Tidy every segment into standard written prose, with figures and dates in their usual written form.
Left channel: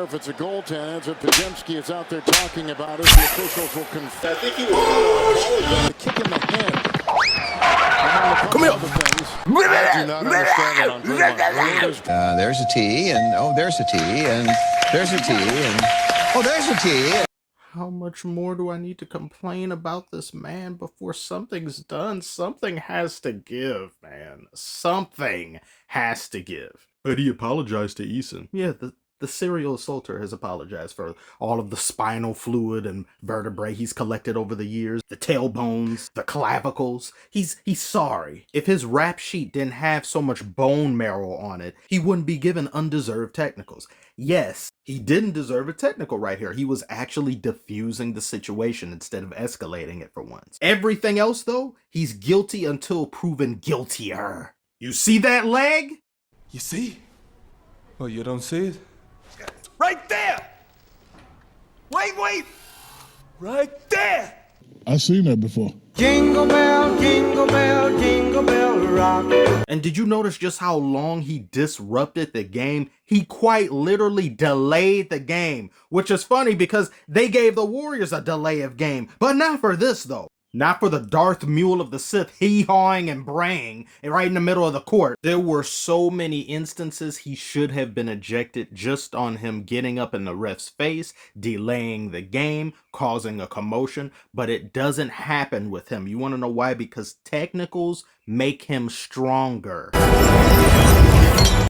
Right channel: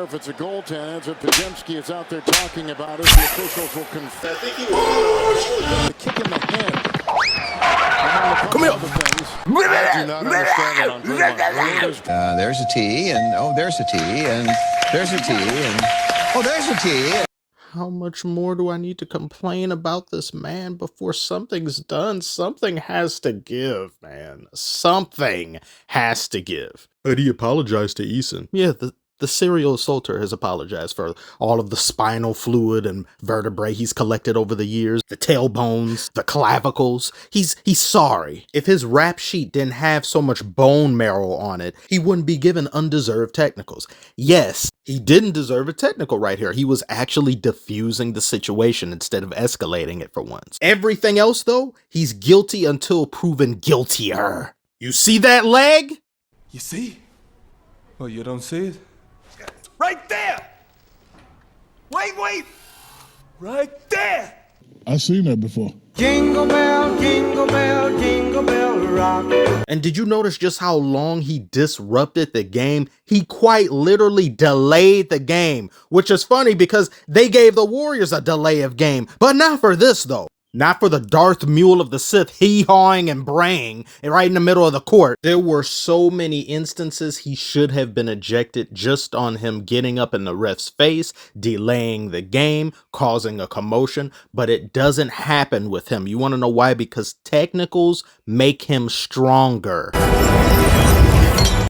care if it's a goaltend. That's what Podz is out there talking about it. The officials will confess. I think he was the kick in the head. Come here. I do not understand it on Greenland. There's a T, and oh, there's a T, and there's a T, and oh, there's a T. How much more do I need to complain about this man before something's done? Something has to give, man. Something has to give. But he apologized to Eason. Yeah, the serial assaulter has apologized for all of the spinal fluid and vertebrae he's collected over the years, the tailbones, the clavicles. He's sorry. If his rap sheet didn't have so much bone marrow on it, he wouldn't be given undeserved technicals. Yes, he didn't deserve a technical right here. He was actually diffusing the situation instead of escalating it for once. Everything else, though, he's guilty until proven guiltier. You see that leg? You see? Oh, you don't see it? Right there! Wait! Right there! I've seen that before. Jingle bell, jingle bell, jingle bell rock. And did you notice just how long he disrupted the game? He quite literally delayed the game, which is funny because they gave the Warriors a delay of game, but not for this though. Not for the Darth Mule of the Sith hee-hawing and braying right in the middle of the court. There were so many instances he should have been ejected just on him getting up in the ref's face, delaying the game, causing a commotion, but it doesn't happen with him. You want to know why? Because technicals make him stronger.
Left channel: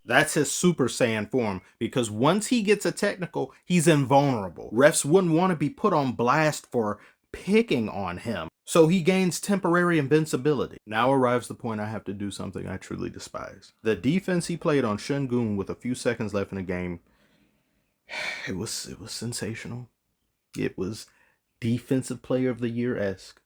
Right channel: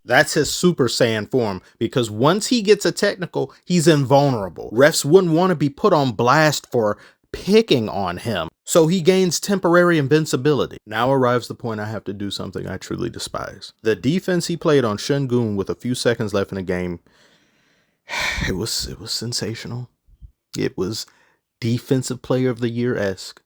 That's his Super Saiyan form, because once he gets a technical, he's invulnerable. Refs wouldn't want to be put on blast for picking on him. So he gains temporary invincibility. Now arrives the point I have to do something I truly despise. The defense he played on Shingun with a few seconds left in the game, it was sensational. It was defensive player of the year-esque.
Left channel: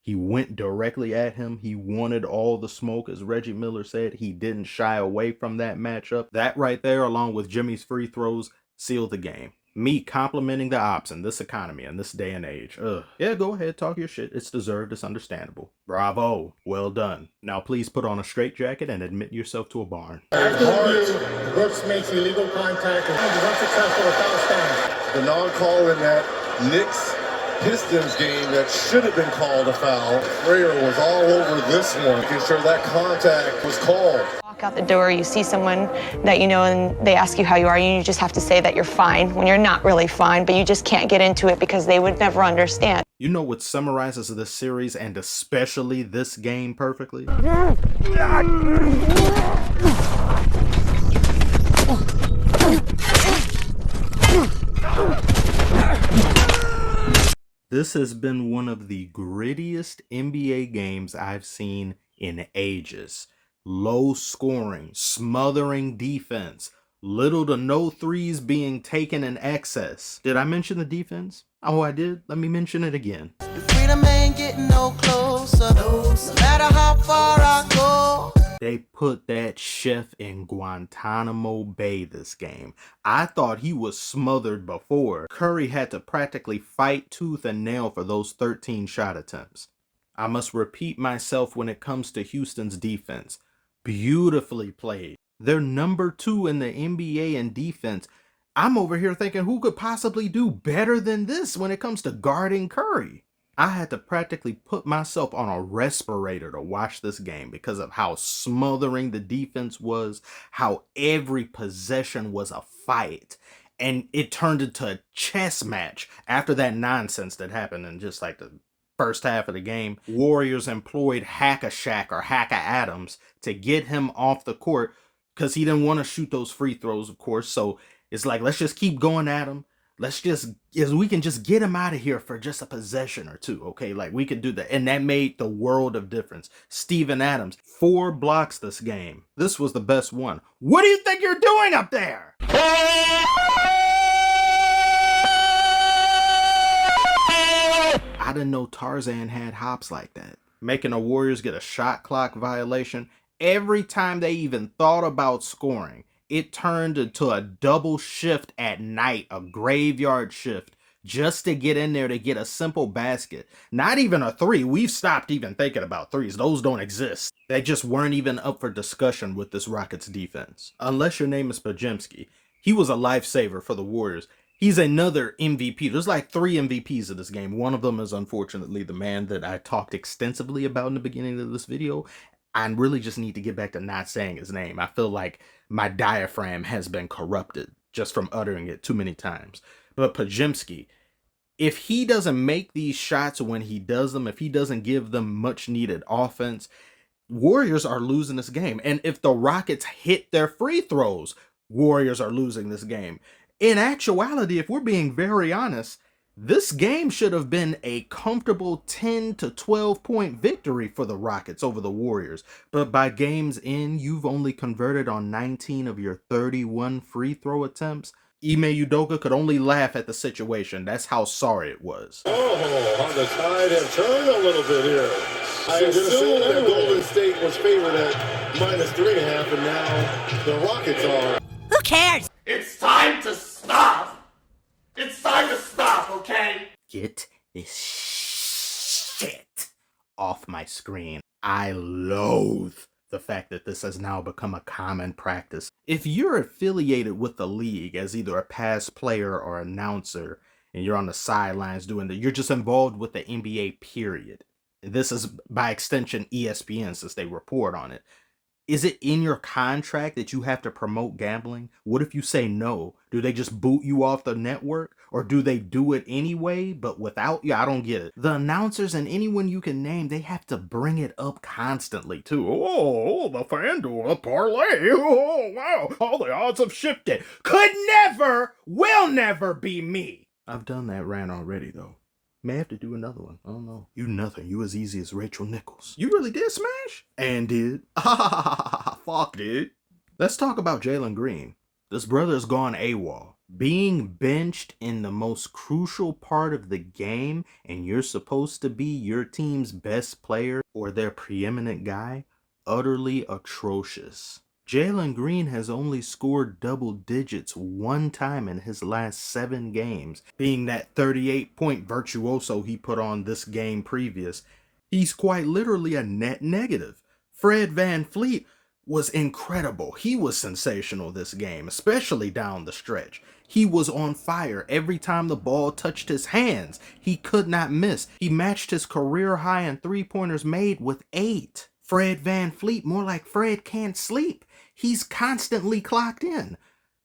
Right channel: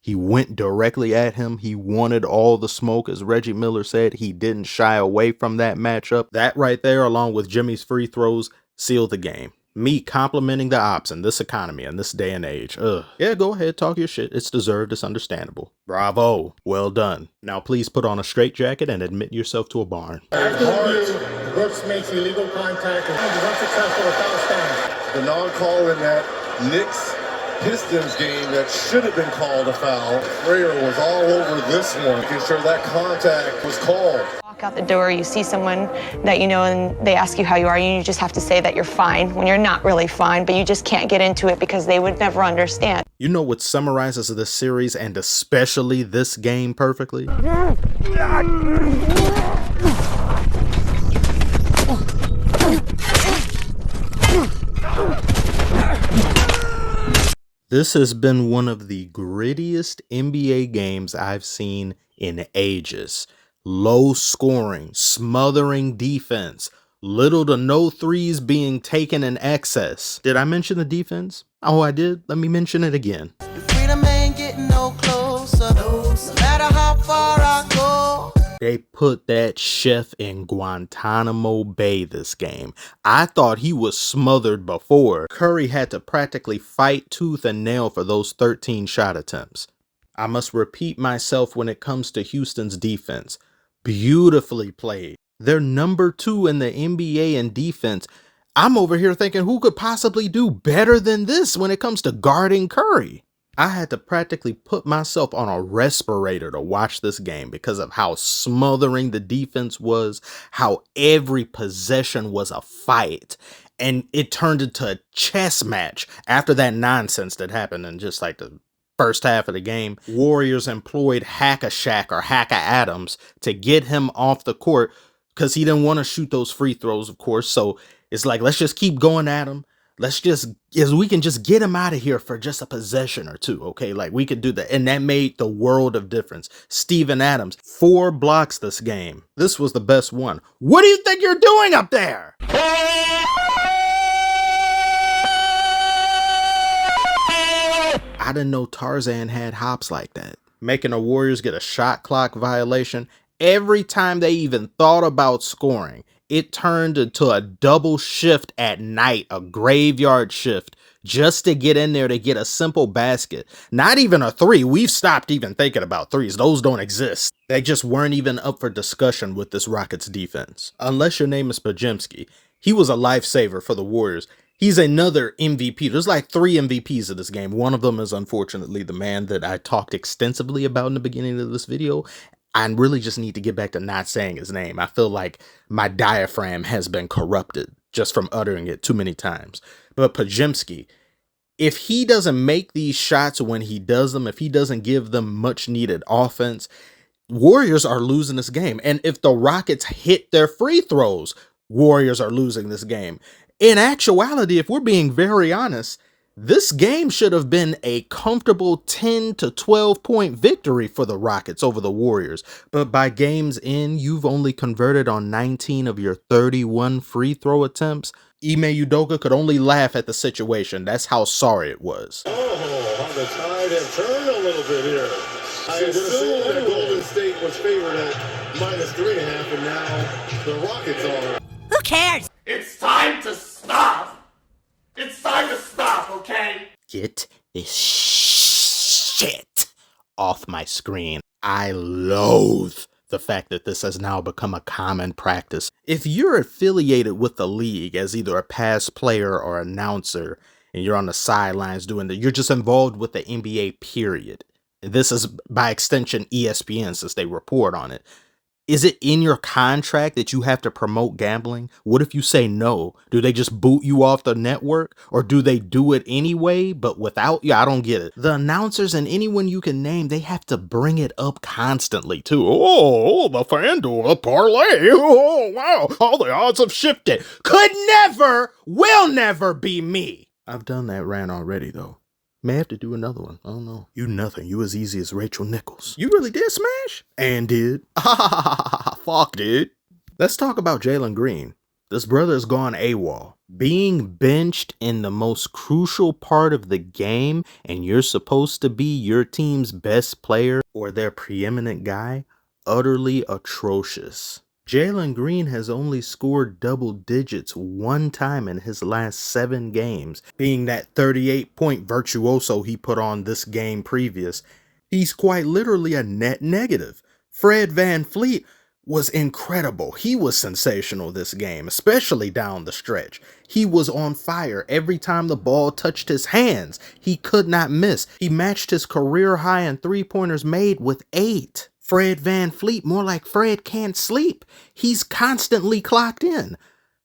He went directly at him. He wanted all the smoke. As Reggie Miller said, he didn't shy away from that matchup. That right there, along with Jimmy's free throws, sealed the game. Me complimenting the ops in this economy in this day and age. Yeah, go ahead, talk your shit. It's deserved, it's understandable. Bravo, well done. Now please put on a straitjacket and admit yourself to a barn. Brooks makes illegal contact and is unsuccessful with foul stand. The non-call in that Knicks Pistons game that should have been called a foul. Frayer was all over this one, making sure that contact was called. Walk out the door, you see someone that you know and they ask you how you are, and you just have to say that you're fine when you're not really fine, but you just can't get into it because they would never understand. You know what summarizes this series and especially this game perfectly? This has been one of the grittiest NBA games I've seen in ages. Low scoring, smothering defense, little to no threes being taken in excess. Did I mention the defense? Oh, I did. Let me mention it again. The freedom ain't getting no closer, no matter how far I go. They put that chef in Guantanamo Bay this game. I thought he was smothered before. Curry had to practically fight tooth and nail for those 13 shot attempts. I must repeat myself when it comes to Houston's defense. Beautifully played. They're number 2 in the NBA in defense. I'm over here thinking who could possibly do better than this when it comes to guarding Curry? I had to practically put myself on a respirator to watch this game because of how smothering the defense was, how every possession was a fight, and it turned into a chess match after that nonsense that happened in just like the first half of the game. Warriors employed Hack-a-Shaq or Hack-a-Adams to get him off the court because he didn't want to shoot those free throws, of course. So it's like, let's just keep going at him. We can just get him out of here for just a possession or two, okay? Like, we could do that. And that made the world of difference. Steven Adams, 4 blocks this game. This was the best one. What do you think you're doing up there? I didn't know Tarzan had hops like that. Making the Warriors get a shot clock violation. Every time they even thought about scoring, it turned into a double shift at night, a graveyard shift, just to get in there to get a simple basket. Not even a 3. We've stopped even thinking about 3s. Those don't exist. They just weren't even up for discussion with this Rockets defense. Unless your name is Podz. He was a lifesaver for the Warriors. He's another MVP. There's like 3 MVPs of this game. One of them is unfortunately the man that I talked extensively about in the beginning of this video. I really just need to get back to not saying his name. I feel like my diaphragm has been corrupted just from uttering it too many times. But Podziemski, if he doesn't make these shots when he does them, if he doesn't give them much needed offense, Warriors are losing this game. And if the Rockets hit their free throws, Warriors are losing this game. In actuality, if we're being very honest, this game should have been a comfortable 10 to 12 point victory for the Rockets over the Warriors. But by game's end, you've only converted on 19 of your 31 free throw attempts. Ime Udoka could only laugh at the situation. That's how sorry it was. Oh, how the tide have turned a little bit here. I assume that Golden State was favored at -3.5, and now the Rockets are. Who cares? It's time to stop! It's time to stop, okay? Get this shit off my screen. I loathe the fact that this has now become a common practice. If you're affiliated with the league as either a past player or announcer, and you're on the sidelines doing that, you're just involved with the NBA, period. This is by extension ESPN, since they report on it. Is it in your contract that you have to promote gambling? What if you say no? Do they just boot you off the network? Or do they do it anyway, but without you? I don't get it. The announcers and anyone you can name, they have to bring it up constantly too. Oh, the FanDuel parlay. Oh, wow. All the odds have shifted. Could never, will never be me. I've done that rant already though. May have to do another one. I don't know. You nothing. You as easy as Rachel Nichols. You really did smash? And did. Fuck, dude. Let's talk about Jalen Green. This brother's gone AWOL. Being benched in the most crucial part of the game, and you're supposed to be your team's best player or their preeminent guy, utterly atrocious. Jalen Green has only scored double digits one time in his last 7 games, being that 38-point virtuoso he put on this game previous. He's quite literally a net negative. Fred VanFleet was incredible. He was sensational this game, especially down the stretch. He was on fire every time the ball touched his hands. He could not miss. He matched his career high in 3-pointers made with 8. Fred VanFleet, more like Fred can't sleep. He's constantly clocked in.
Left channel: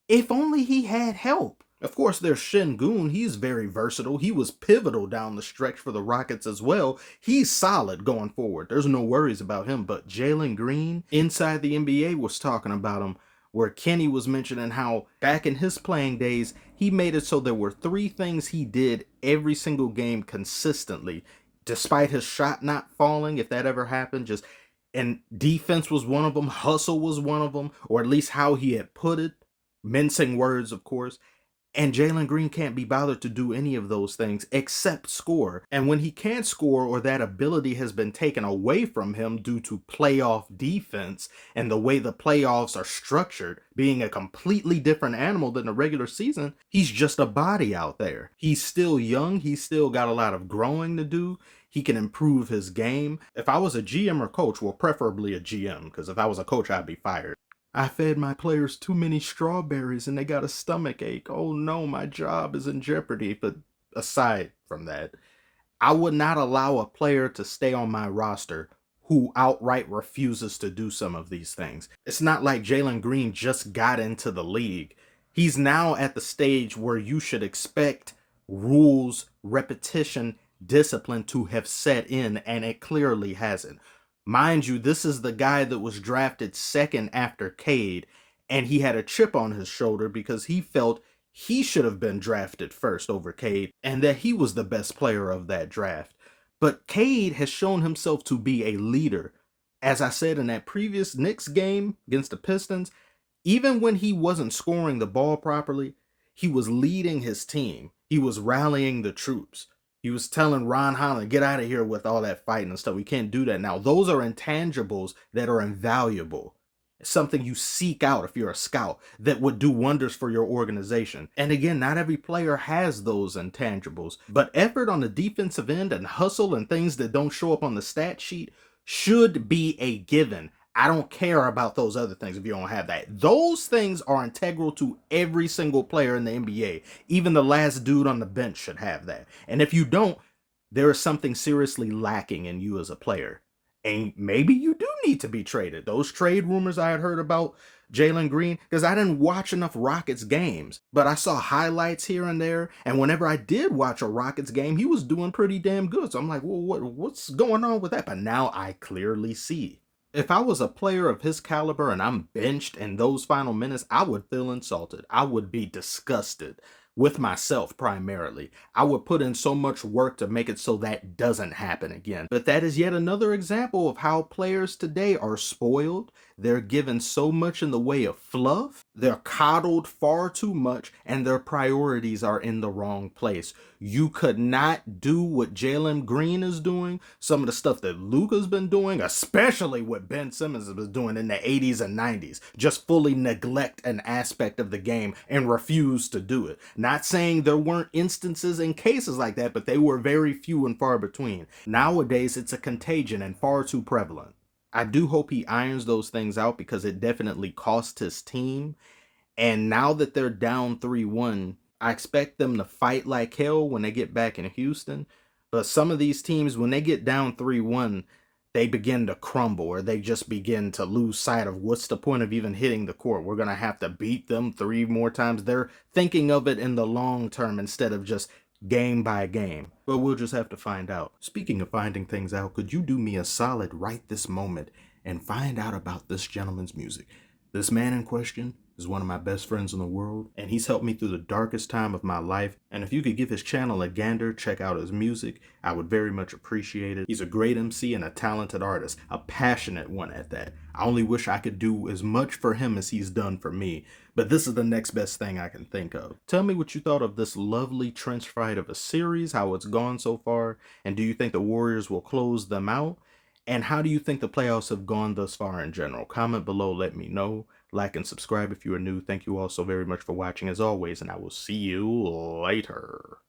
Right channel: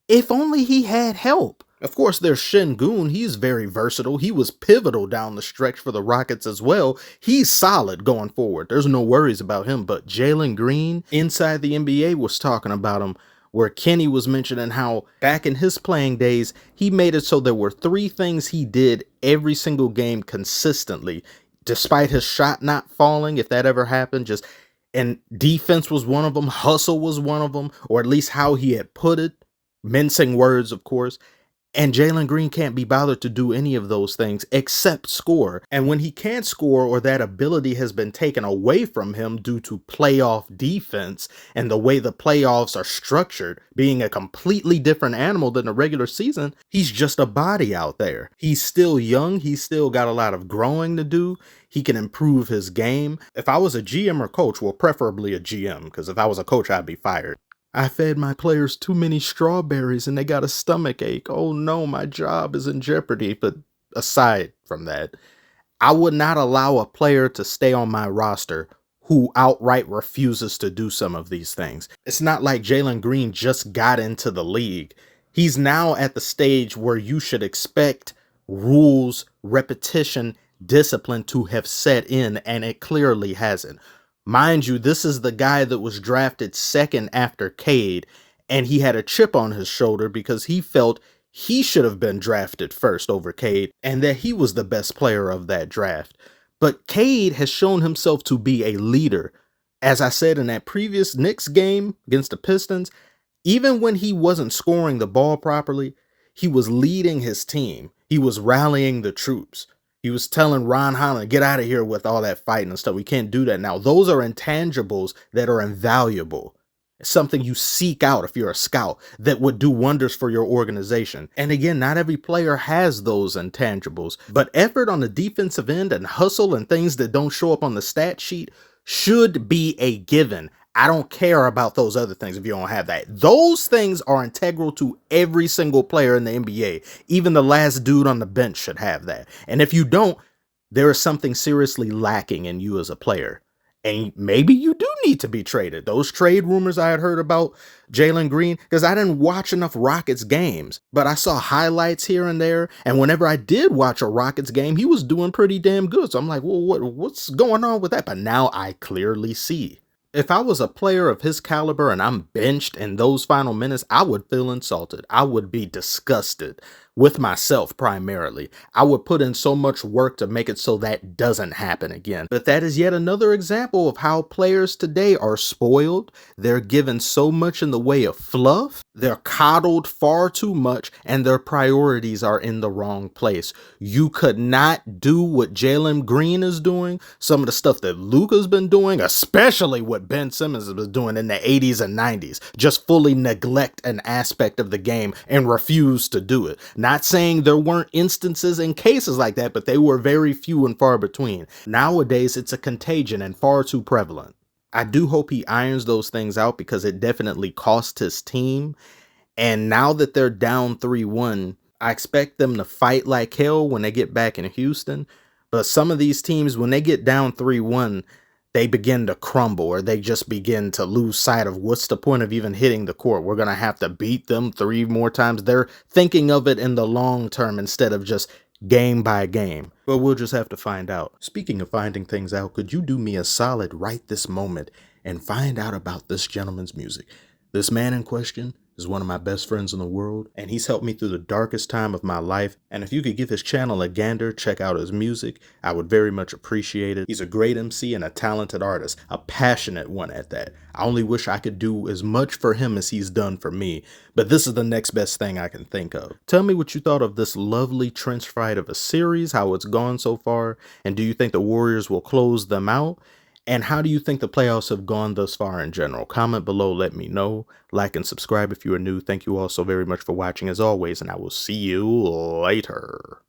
If only he had help. Of course, there's Şengün. He's very versatile. He was pivotal down the stretch for the Rockets as well. He's solid going forward. There's no worries about him. But Jalen Green, Inside the NBA, was talking about him, where Kenny was mentioning how back in his playing days, he made it so there were 3 things he did every single game consistently, despite his shot not falling, if that ever happened. And defense was one of them. Hustle was one of them, or at least how he had put it. Mincing words, of course. And Jalen Green can't be bothered to do any of those things except score. And when he can't score, or that ability has been taken away from him due to playoff defense and the way the playoffs are structured, being a completely different animal than the regular season, he's just a body out there. He's still young. He's still got a lot of growing to do. He can improve his game. If I was a GM or coach, well, preferably a GM, because if I was a coach, I'd be fired. I fed my players too many strawberries and they got a stomach ache. Oh no, my job is in jeopardy. But aside from that, I would not allow a player to stay on my roster who outright refuses to do some of these things. It's not like Jalen Green just got into the league. He's now at the stage where you should expect rules, repetition, discipline to have set in, and it clearly hasn't. Mind you, this is the guy that was drafted second after Cade, and he had a chip on his shoulder because he felt he should have been drafted first over Cade, and that he was the best player of that draft. But Cade has shown himself to be a leader. As I said in that previous Knicks game against the Pistons, even when he wasn't scoring the ball properly, he was leading his team. He was rallying the troops. He was telling Ron Holland, get out of here with all that fighting and stuff. We can't do that now. Those are intangibles that are invaluable. It's something you seek out if you're a scout that would do wonders for your organization. And again, not every player has those intangibles, but effort on the defensive end and hustle and things that don't show up on the stat sheet should be a given. I don't care about those other things if you don't have that. Those things are integral to every single player in the NBA. Even the last dude on the bench should have that. And if you don't, there is something seriously lacking in you as a player. And maybe you do need to be traded. Those trade rumors I had heard about Jalen Green, because I didn't watch enough Rockets games, but I saw highlights here and there. And whenever I did watch a Rockets game, he was doing pretty damn good. So I'm like, well, what's going on with that? But now I clearly see. If I was a player of his caliber and I'm benched in those final minutes, I would feel insulted. I would be disgusted with myself primarily. I would put in so much work to make it so that doesn't happen again. But that is yet another example of how players today are spoiled. They're given so much in the way of fluff. They're coddled far too much, and their priorities are in the wrong place. You could not do what Jalen Green is doing, some of the stuff that Luka's been doing, especially what Ben Simmons was doing in the 80s and 90s. Just fully neglect an aspect of the game and refuse to do it. Not saying there weren't instances and cases like that, but they were very few and far between. Nowadays, it's a contagion and far too prevalent. I do hope he irons those things out because it definitely cost his team. And now that they're down 3-1, I expect them to fight like hell when they get back in Houston. But some of these teams, when they get down 3-1, they begin to crumble, or they just begin to lose sight of what's the point of even hitting the court. We're going to have to beat them 3 more times. They're thinking of it in the long term instead of just game by game. But we'll just have to find out. Speaking of finding things out, could you do me a solid right this moment and find out about this gentleman's music? This man in question is one of my best friends in the world, and he's helped me through the darkest time of my life. And if you could give his channel a gander, check out his music, I would very much appreciate it. He's a great MC and a talented artist, a passionate one at that. I only wish I could do as much for him as he's done for me, but this is the next best thing I can think of. Tell me what you thought of this lovely trench fight of a series, how it's gone so far, and do you think the Warriors will close them out? And how do you think the playoffs have gone thus far in general? Comment below, let me know. Like and subscribe if you are new. Thank you all so very much for watching as always, and I will see you later.